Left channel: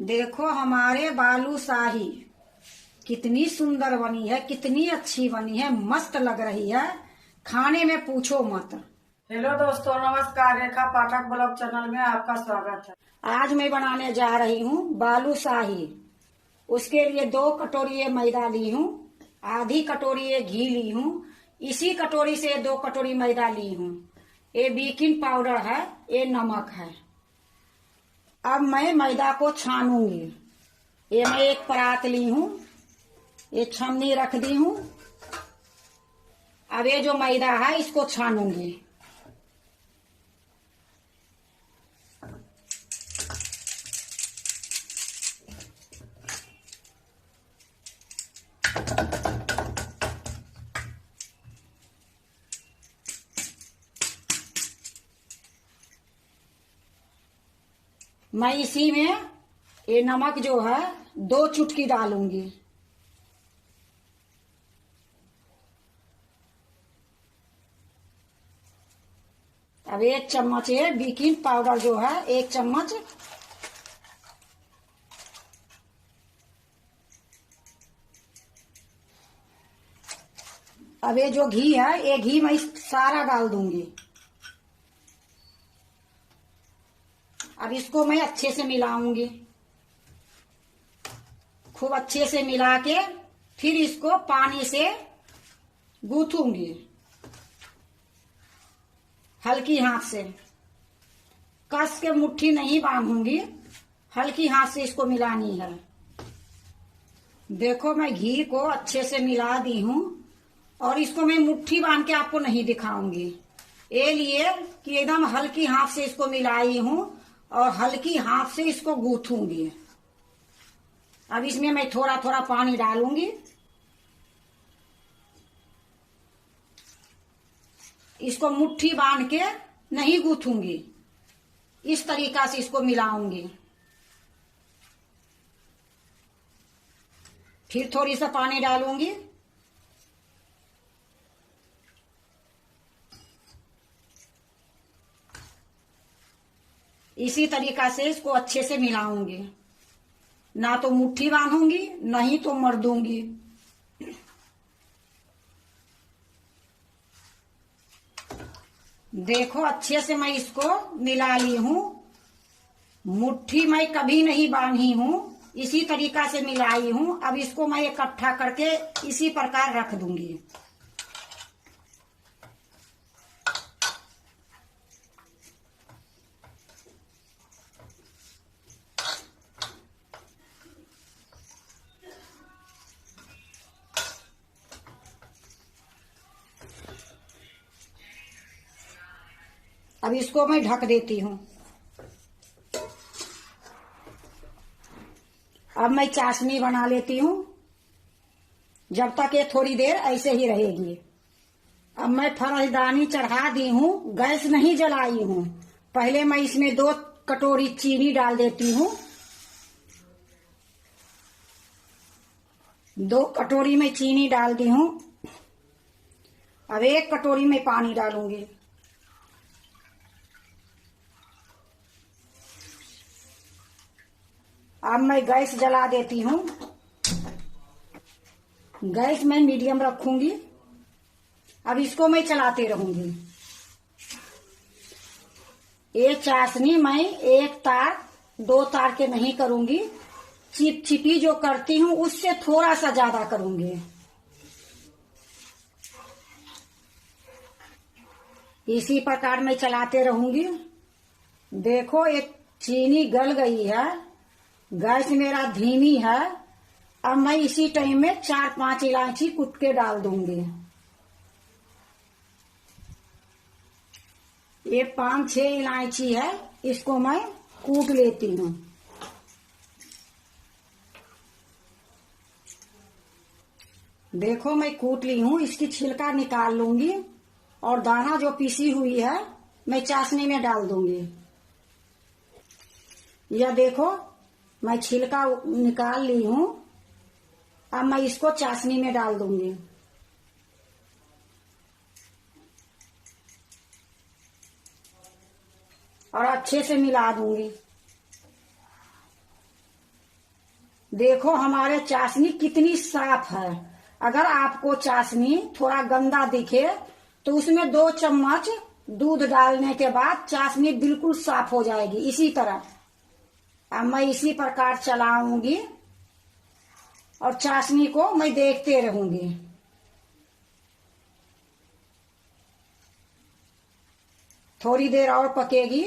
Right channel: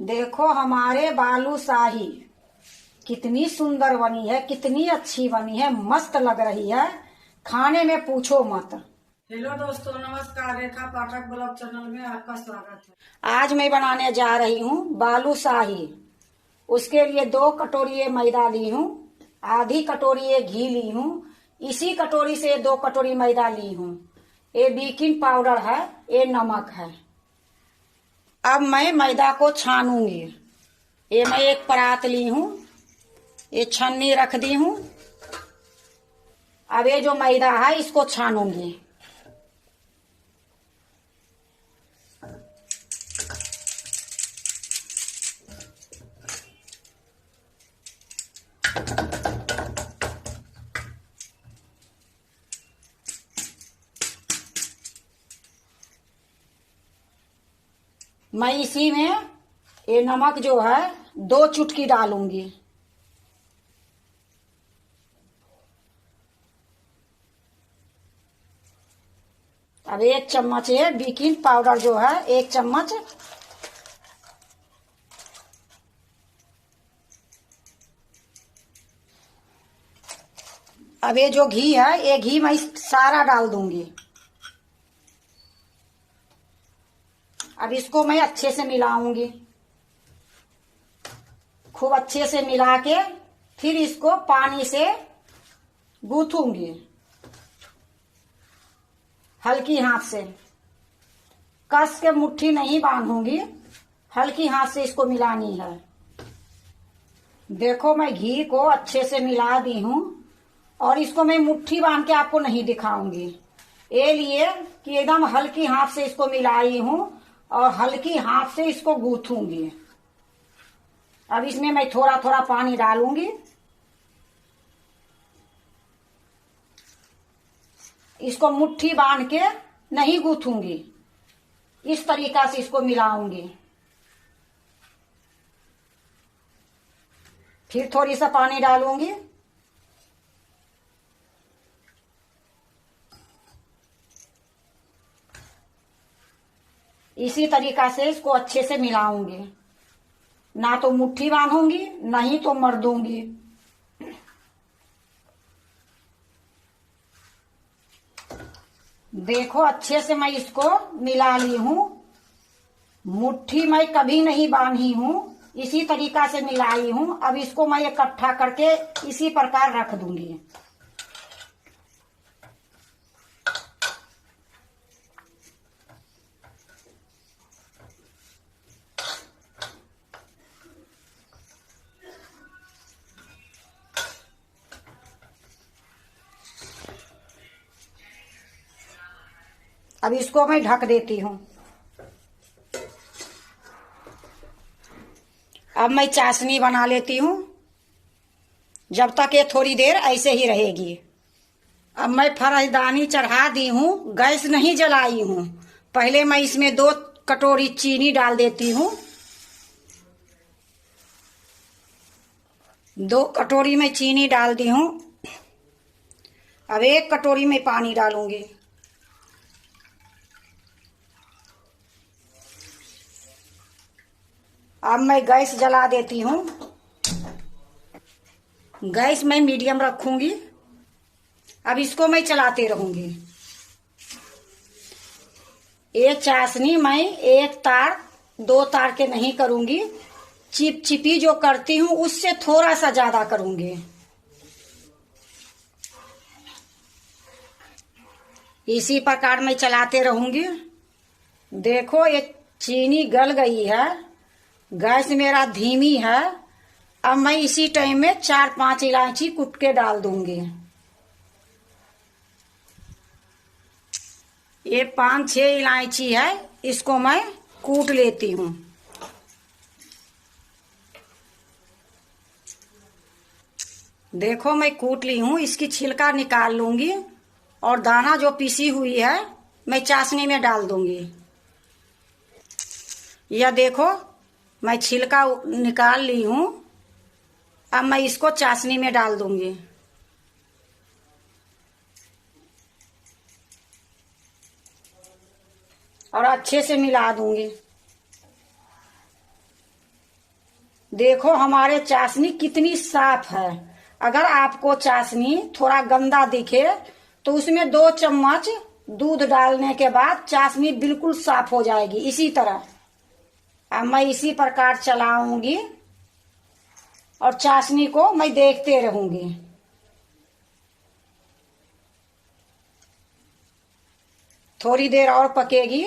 देखो हमारे बालूशाही कितनी सुंदर बनी है, कितनी अच्छी बनी है, मस्त लग रही है। खाने में पूछो मत। हेलो दोस्तों, नमस्कार। रेखा पाठक ब्लॉग चैनल में आपका स्वागत है। आज मैं बनाने जा रही हूँ बालूशाही। उसके लिए 2 कटोरी मैदा ली हूँ, आधी कटोरी घी ली हूँ, इसी कटोरी से 2 कटोरी मैदा ली हूँ। ये बेकिंग पाउडर है, ये नमक है। अब मैं मैदा को छानूंगी। ये मैं एक परात ली हूँ, ये छन्नी रख दी हूँ। अब ये जो मैदा है इसको छानूंगी। मैं इसी में ये नमक जो है 2 चुटकी डालूंगी। अब 1 चम्मच ये बेकिंग पाउडर जो है 1 चम्मच। अब ये जो घी है, ये घी मैं सारा डाल दूंगी। अब इसको मैं अच्छे से मिलाऊंगी, खूब अच्छे से मिला के फिर इसको पानी से गूंथूंगी हल्की हाथ से। कस के मुट्ठी नहीं बांधूंगी, हल्की हाथ से इसको मिलानी है। देखो मैं घी को अच्छे से मिला दी हूँ और इसको मैं मुट्ठी बांध के आपको नहीं दिखाऊंगी, ये लिए कि एकदम हल्की हाथ से इसको मिलाई हूँ और हल्की हाथ से इसको गूंथूंगी। अब इसमें मैं थोड़ा थोड़ा पानी डालूंगी। इसको मुट्ठी बांध के नहीं गूंथूंगी, इस तरीका से इसको मिलाऊंगी। फिर थोड़ी सा पानी डालूंगी। इसी तरीका से इसको अच्छे से मिलाऊंगी, ना तो मुट्ठी बांधूंगी नहीं तो मर दूंगी। देखो अच्छे से मैं इसको मिला ली हूँ, मुट्ठी मैं कभी नहीं बांधी हूँ, इसी तरीका से मिलाई हूँ। अब इसको मैं इकट्ठा करके इसी प्रकार रख दूंगी। अब इसको मैं ढक देती हूँ। अब मैं चाशनी बना लेती हूँ, जब तक ये थोड़ी देर ऐसे ही रहेगी। अब मैं फरहदानी चढ़ा दी हूँ, गैस नहीं जलाई हूँ। पहले मैं इसमें 2 कटोरी चीनी डाल देती हूँ। 2 कटोरी में चीनी डाल दी हूँ। अब 1 कटोरी में पानी डालूंगी। अब मैं गैस जला देती हूँ। गैस मैं मीडियम रखूंगी। अब इसको मैं चलाते रहूंगी। ये चाशनी मैं 1 तार 2 तार के नहीं करूंगी, चिपचिपी जो करती हूँ उससे थोड़ा सा ज्यादा करूंगी। इसी प्रकार मैं चलाते रहूंगी। देखो ये चीनी गल गई है, गैस मेरा धीमी है। अब मैं इसी टाइम में 4-5 इलायची कूट के डाल दूंगी। ये 5-6 इलायची है, इसको मैं कूट लेती हूँ। देखो मैं कूट ली हूँ, इसकी छिलका निकाल लूंगी और दाना जो पीसी हुई है मैं चाशनी में डाल दूंगी। यह देखो मैं छिलका निकाल ली हूँ। अब मैं इसको चाशनी में डाल दूंगी। और अच्छे से मिला दूंगी। देखो हमारे चाशनी कितनी साफ है। अगर आपको चाशनी थोड़ा गंदा दिखे तो उसमें 2 चम्मच दूध डालने के बाद चाशनी बिल्कुल साफ हो जाएगी। इसी तरह अब मैं इसी प्रकार चलाऊंगी और चाशनी को मैं देखते रहूंगी। थोड़ी देर और पकेगी।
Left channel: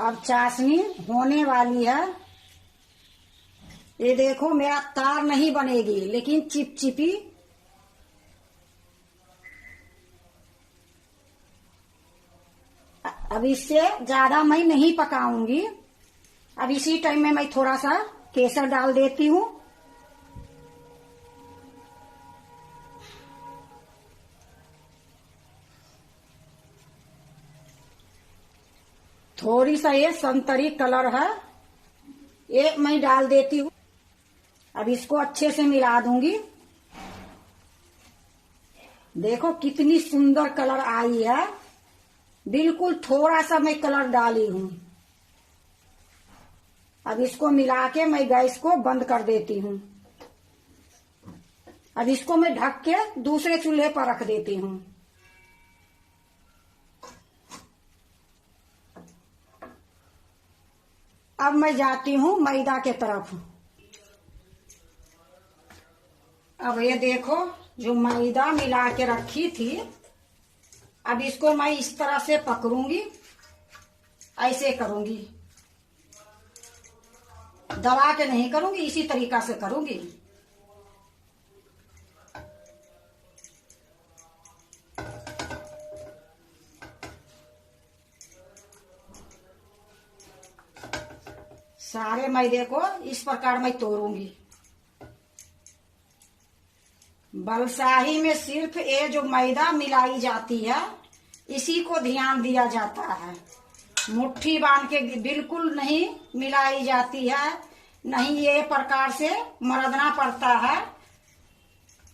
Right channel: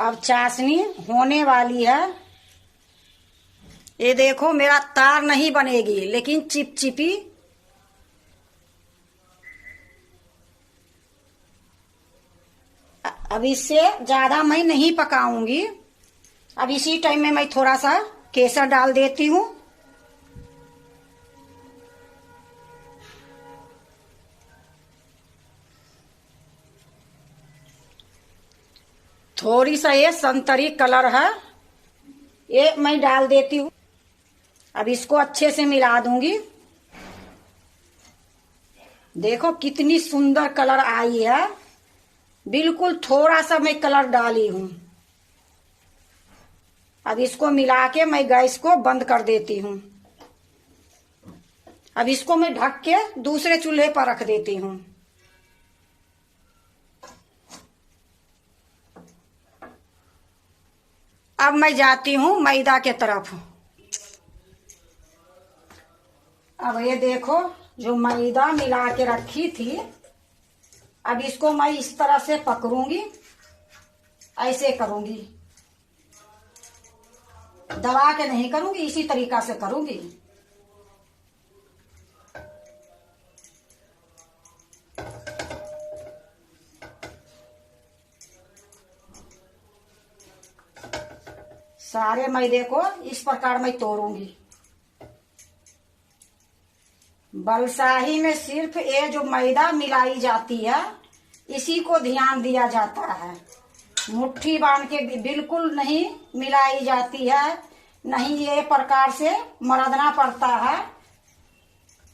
अब चाशनी होने वाली है। ये देखो मेरा तार नहीं बनेगी लेकिन चिपचिपी। अब इससे ज्यादा मैं नहीं पकाऊंगी। अब इसी टाइम में मैं थोड़ा सा केसर डाल देती हूँ। थोड़ी सा ये संतरी कलर है, ये मैं डाल देती हूँ। अब इसको अच्छे से मिला दूंगी। देखो कितनी सुंदर कलर आई है। बिल्कुल थोड़ा सा मैं कलर डाली हूँ। अब इसको मिला के मैं गैस को बंद कर देती हूँ। अब इसको मैं ढक के दूसरे चूल्हे पर रख देती हूँ। अब मैं जाती हूँ मैदा के तरफ। अब ये देखो जो मैदा मिला के रखी थी, अब इसको मैं इस तरह से पकड़ूंगी, ऐसे करूंगी, दबा के नहीं करूंगी, इसी तरीका से करूंगी। सारे मैदे को इस प्रकार मैं तोड़ूंगी। बलसाही में सिर्फ ये जो मैदा मिलाई जाती है इसी को ध्यान दिया जाता है। मुट्ठी बांध के बिल्कुल नहीं मिलाई जाती है, नहीं ये प्रकार से मरदना पड़ता है।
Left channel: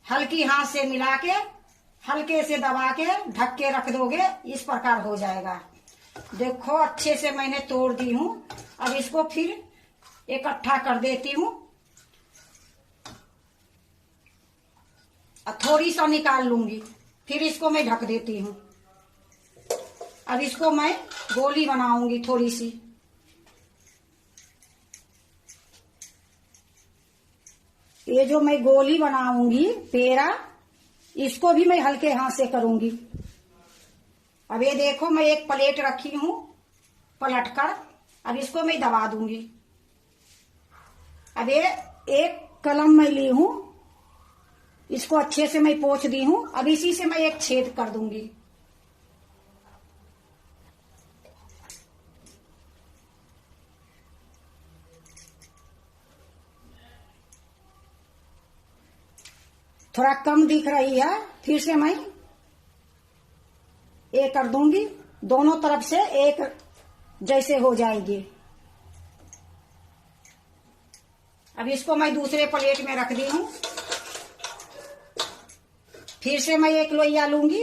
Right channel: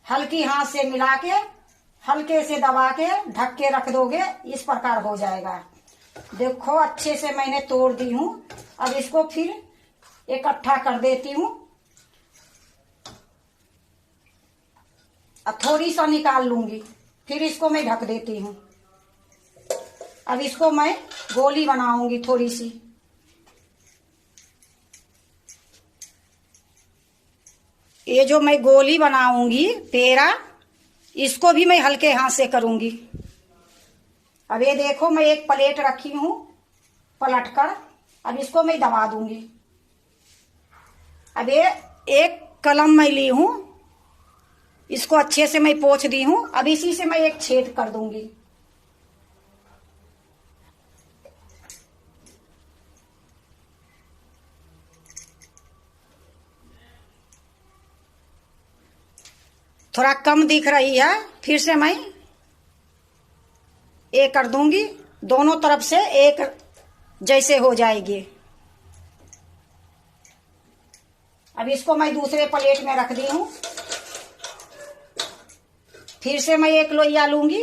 हल्की हाथ से मिला के हल्के से दबा के ढक के रख दोगे, इस प्रकार हो जाएगा। देखो अच्छे से मैंने तोड़ दी हूँ। अब इसको फिर इकट्ठा कर देती हूँ। अब थोड़ी सा निकाल लूंगी, फिर इसको मैं ढक देती हूँ। अब इसको मैं गोली बनाऊंगी थोड़ी सी। ये जो मैं गोली बनाऊंगी पेड़ा, इसको भी मैं हल्के हाथ से करूंगी। अब ये देखो मैं एक प्लेट रखी हूँ पलटकर, अब इसको मैं दबा दूंगी। अब ये एक कलम मैं ली हूँ, इसको अच्छे से मैं पोंछ दी हूँ। अब इसी से मैं एक छेद कर दूंगी। थोड़ा कम दिख रही है, फिर से मैं एक कर दूंगी। दोनों तरफ से एक जैसे हो जाएगी। अब इसको मैं दूसरे प्लेट में रख दी हूँ। फिर से मैं एक लोइया लूंगी,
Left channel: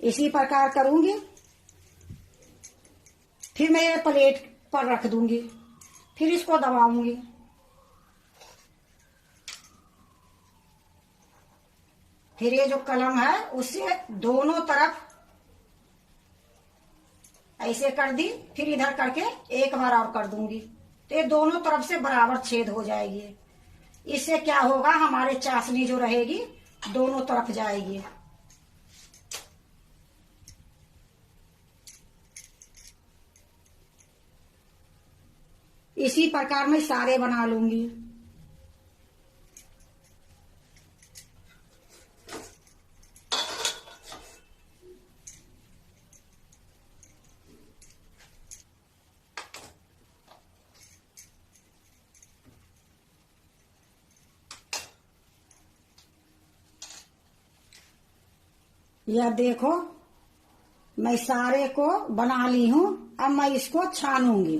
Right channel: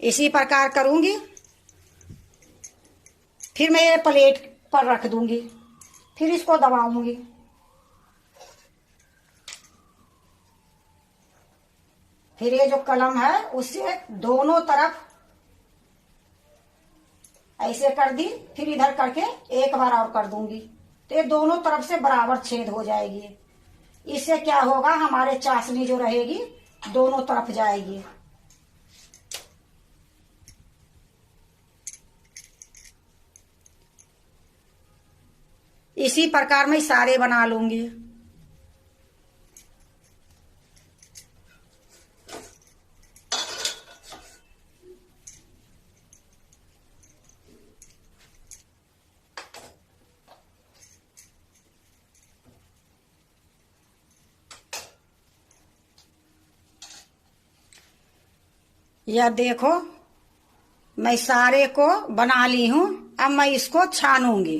इसी प्रकार करूंगी। फिर मैं ये प्लेट पर रख दूंगी, फिर इसको दबाऊंगी। फिर ये जो कलम है उससे दोनों तरफ ऐसे कर दी, फिर इधर करके एक बार और कर दूंगी, तो ये दोनों तरफ से बराबर छेद हो जाएगी। इससे क्या होगा, हमारे चाशनी जो रहेगी दोनों तरफ जाएगी। इसी प्रकार मैं सारे बना लूंगी। यह देखो मैं सारे को बना ली हूँ। अब मैं इसको छानूंगी।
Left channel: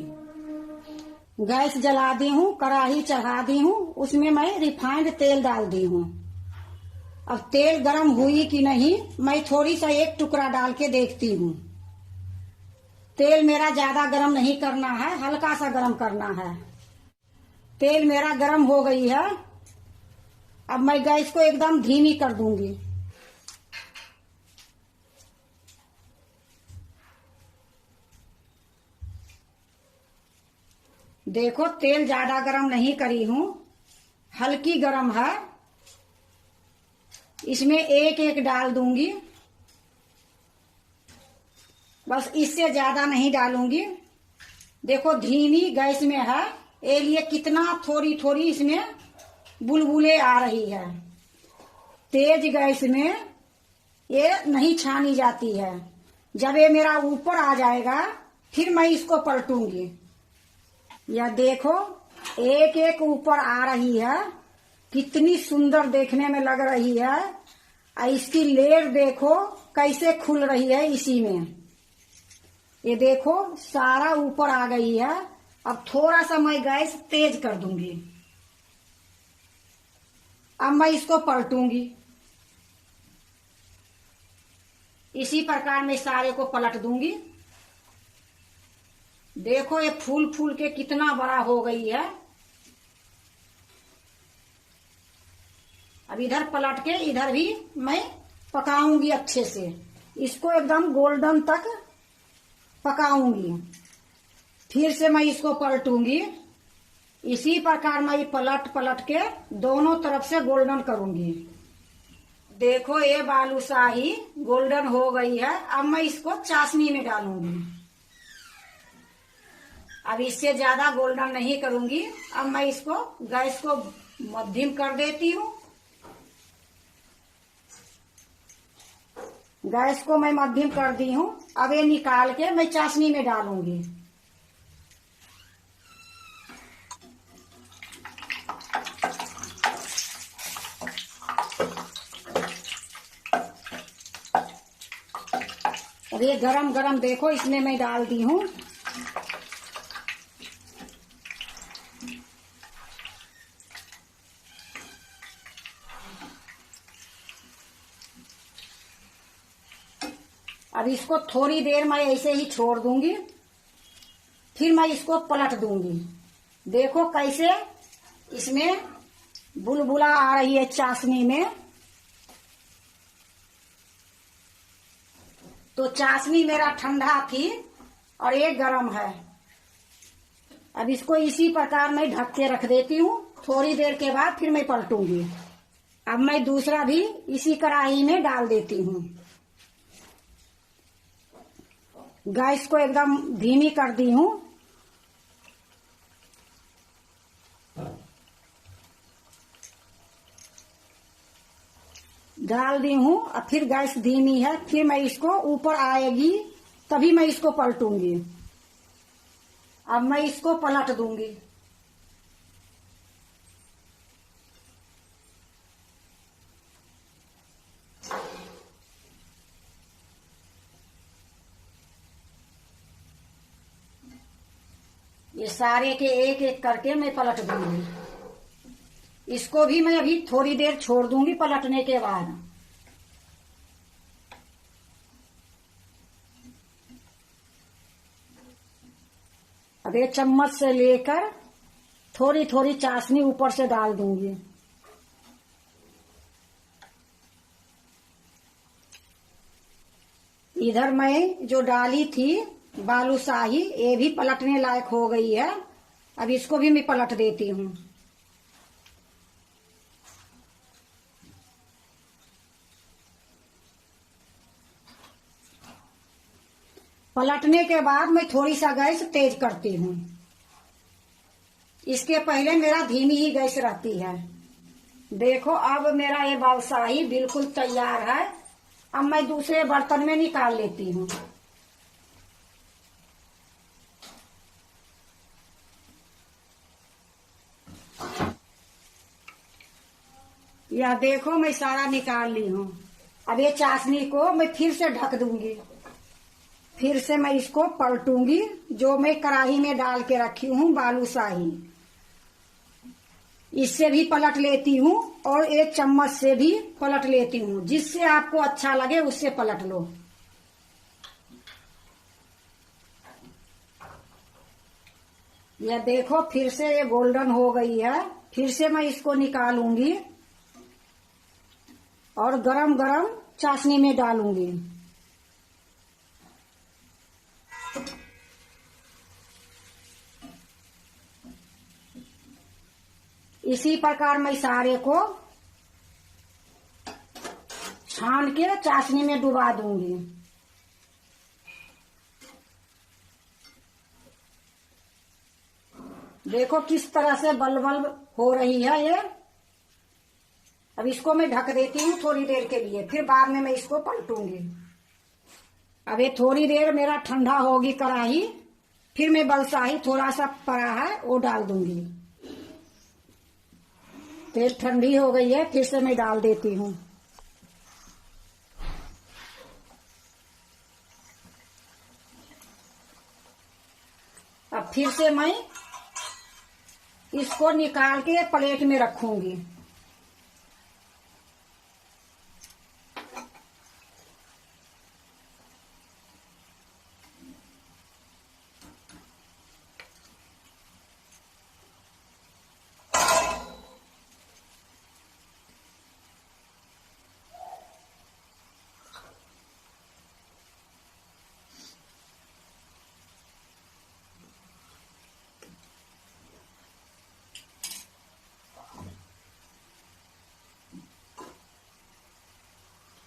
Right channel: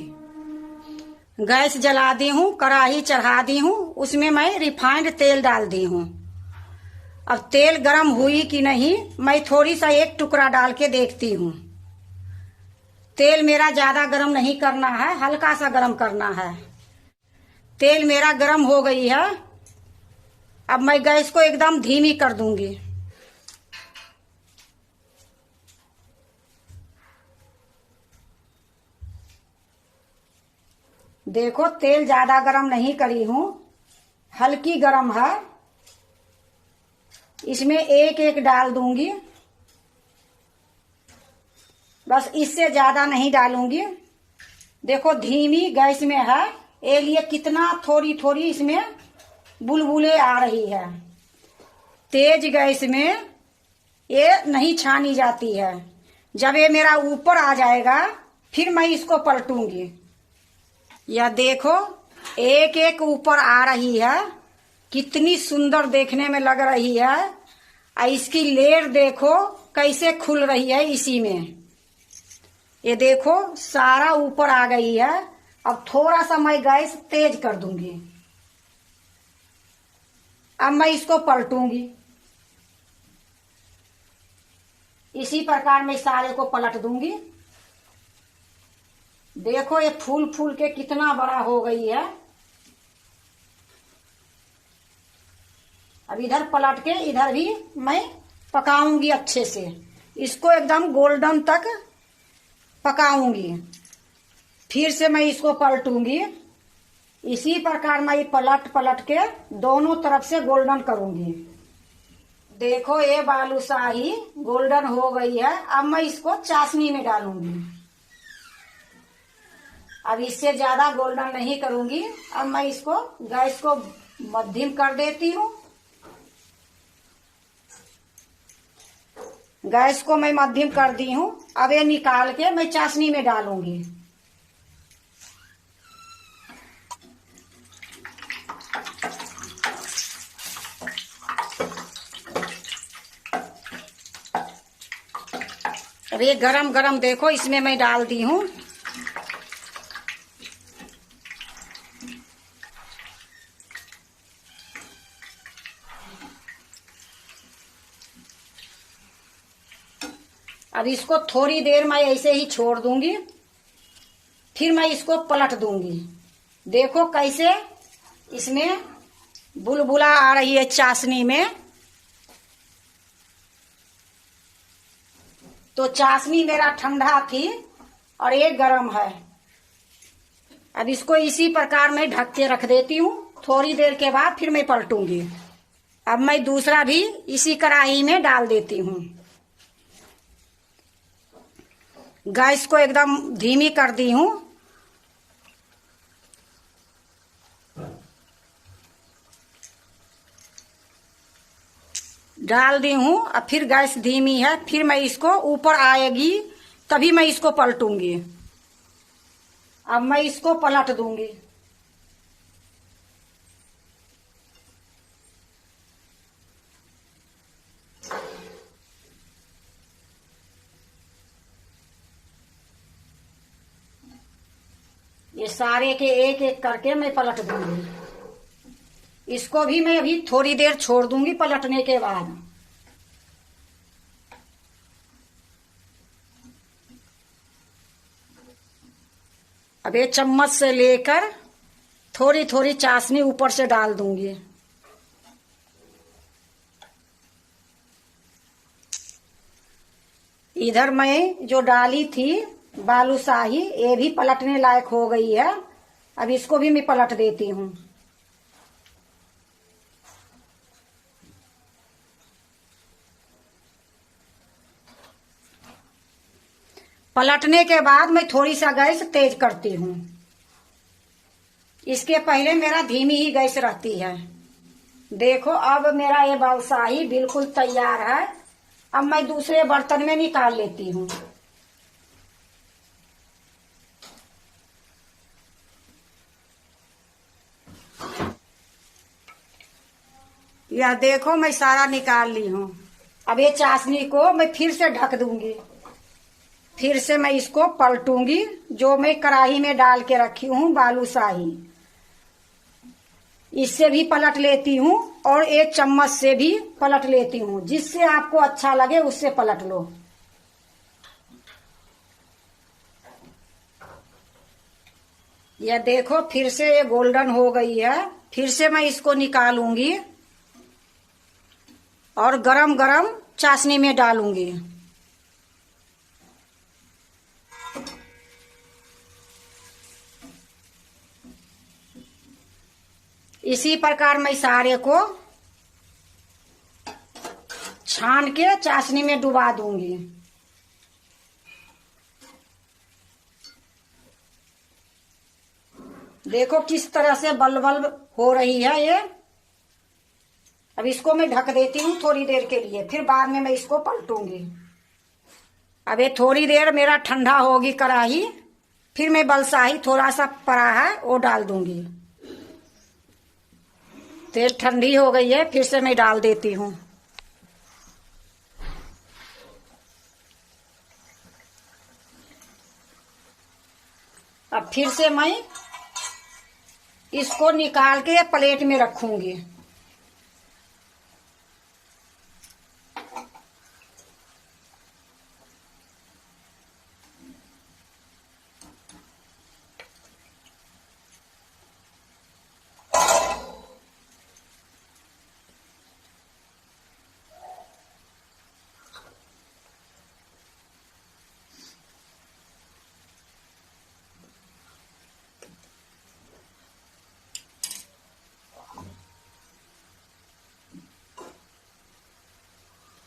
गैस जला दी हूँ, कढ़ाई चढ़ा दी हूँ, उसमें मैं रिफाइंड तेल डाल दी हूँ। अब तेल गरम हुई कि नहीं, मैं थोड़ी सा एक टुकड़ा डाल के देखती हूँ। तेल मेरा ज्यादा गरम नहीं करना है, हल्का सा गरम करना है। तेल मेरा गरम हो गई है। अब मैं गैस को एकदम धीमी कर दूंगी। देखो तेल ज्यादा गरम नहीं करी हूं, हल्की गरम है। इसमें एक एक डाल दूंगी, बस इससे ज्यादा नहीं डालूंगी। देखो धीमी गैस में है, ये लिए कितना थोड़ी थोड़ी इसमें बुलबुले आ रही है। तेज गैस में ये नहीं छानी जाती है। जब ये मेरा ऊपर आ जाएगा फिर मैं इसको पलटूंगी। यह देखो एक एक ऊपर आ रही है, कितनी सुंदर देखने में लग रही है। और इसकी लेयर देखो कैसे खुल रही है इसी में। ये देखो सारा ऊपर आ गई है। अब थोड़ा सा मैं गैस तेज कर दूंगी। अब मैं इसको पलटूंगी। इसी प्रकार मैं सारे को पलट दूंगी। देखो ये फूल फूल के कितना बड़ा हो गई है। अब इधर पलट के इधर भी मैं पकाऊंगी अच्छे से। इसको एकदम गोल्डन तक पकाऊंगी। फिर से मैं इसको पलटूंगी। इसी प्रकार मैं पलट पलट के दोनों तरफ से गोल्डन करूंगी। देखो ये बालूशाही गोल्डन हो गई है। अब मैं इसको चाशनी में डालूंगी। अब इससे ज्यादा गोल्डन नहीं करूंगी। अब मैं इसको गैस को मध्यम कर देती हूँ। गैस को मैं मध्यम कर दी हूँ। अब ये निकाल के मैं चाशनी में डालूंगी। अब ये गरम गरम देखो इसमें मैं डाल दी हूँ। अब इसको थोड़ी देर मैं ऐसे ही छोड़ दूंगी। फिर मैं इसको पलट दूंगी। देखो कैसे इसमें बुलबुला आ रही है चाशनी में। तो चाशनी मेरा ठंडा थी और ये गरम है। अब इसको इसी प्रकार में ढक के रख देती हूँ। थोड़ी देर के बाद फिर मैं पलटूंगी। अब मैं दूसरा भी इसी कढ़ाई में डाल देती हूँ। गैस को एकदम धीमी कर दी हूँ। डाल दी हूँ। अब फिर गैस धीमी है। फिर मैं इसको ऊपर आएगी तभी मैं इसको पलटूंगी। अब मैं इसको पलट दूंगी। ये सारे के एक एक करके मैं पलट दूंगी। इसको भी मैं अभी थोड़ी देर छोड़ दूंगी पलटने के बाद। अब ये चम्मच से लेकर थोड़ी थोड़ी चाशनी ऊपर से डाल दूंगी। इधर मैं जो डाली थी बालूशाही, ये भी पलटने लायक हो गई है। अब इसको भी मैं पलट देती हूँ। पलटने के बाद मैं थोड़ी सा गैस तेज करती हूँ। इसके पहले मेरा धीमी ही गैस रहती है। देखो अब मेरा ये बालूशाही बिल्कुल तैयार है। अब मैं दूसरे बर्तन में निकाल लेती हूँ। यह देखो मैं सारा निकाल ली हूँ। अब ये चाशनी को मैं फिर से ढक दूंगी। फिर से मैं इसको पलटूंगी। जो मैं कढ़ाई में डाल के रखी हूँ बालूशाही, इससे भी पलट लेती हूँ और एक चम्मच से भी पलट लेती हूँ। जिससे आपको अच्छा लगे उससे पलट लो। यह देखो फिर से ये गोल्डन हो गई है। फिर से मैं इसको निकालूंगी और गरम गरम चाशनी में डालूंगी। इसी प्रकार मैं सारे को छान के चाशनी में डुबा दूंगी। देखो किस तरह से बल हो रही है ये। अब इसको मैं ढक देती हूँ थोड़ी देर के लिए, फिर बाद में मैं इसको पलटूंगी। अब ये थोड़ी देर मेरा ठंडा होगी कढ़ाई, फिर मैं बलसाही थोड़ा सा पड़ा है वो डाल दूंगी। तेल ठंडी हो गई है, फिर से मैं डाल देती हूँ। अब फिर से मैं इसको निकाल के प्लेट में रखूंगी।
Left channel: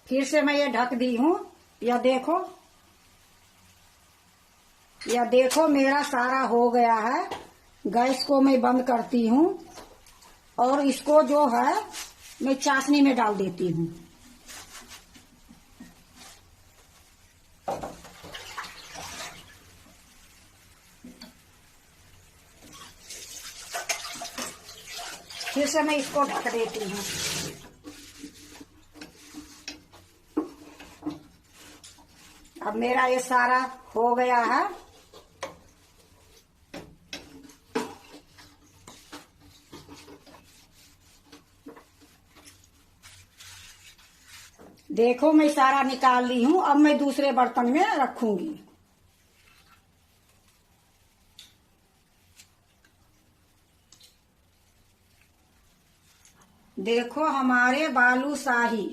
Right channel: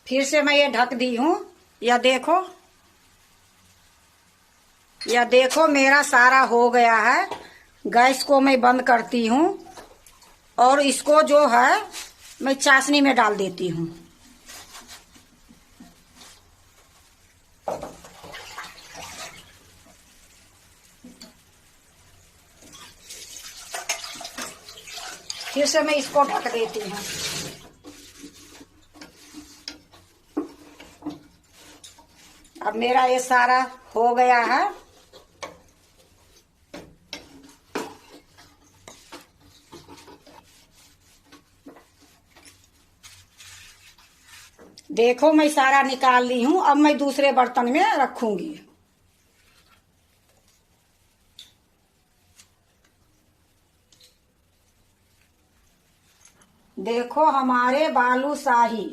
फिर से मैं ये ढक दी हूँ। यह देखो मेरा सारा हो गया है। गैस को मैं बंद करती हूँ और इसको जो है मैं चाशनी में डाल देती हूँ। फिर से मैं इसको ढक देती हूँ। अब मेरा ये सारा हो गया है। देखो मैं सारा निकाल ली हूँ। अब मैं दूसरे बर्तन में रखूंगी। देखो हमारे बालूशाही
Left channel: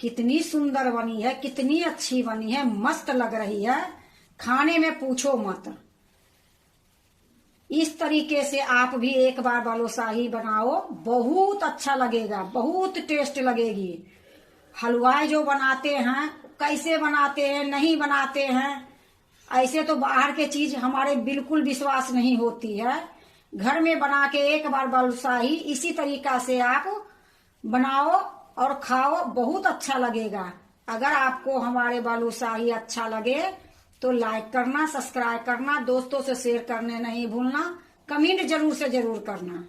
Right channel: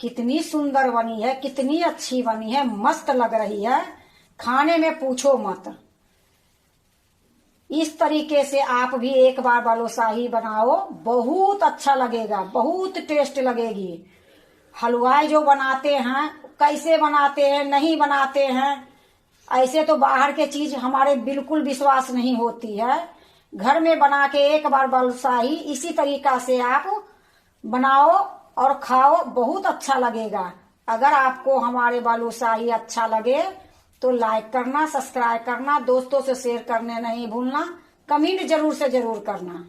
कितनी सुंदर बनी है, कितनी अच्छी बनी है, मस्त लग रही है। खाने में पूछो मत। इस तरीके से आप भी एक बार बालूशाही बनाओ, बहुत अच्छा लगेगा, बहुत टेस्ट लगेगी। हलवाई जो बनाते हैं कैसे बनाते हैं, नहीं बनाते हैं, ऐसे तो बाहर के चीज हमारे बिल्कुल विश्वास नहीं होती है। घर में बना के एक बार बालूशाही इसी तरीका से आप बनाओ और खाओ, बहुत अच्छा लगेगा। अगर आपको हमारे बालूशाही अच्छा लगे तो लाइक करना, सब्सक्राइब करना, दोस्तों से शेयर करने नहीं भूलना, कमेंट जरूर से जरूर करना।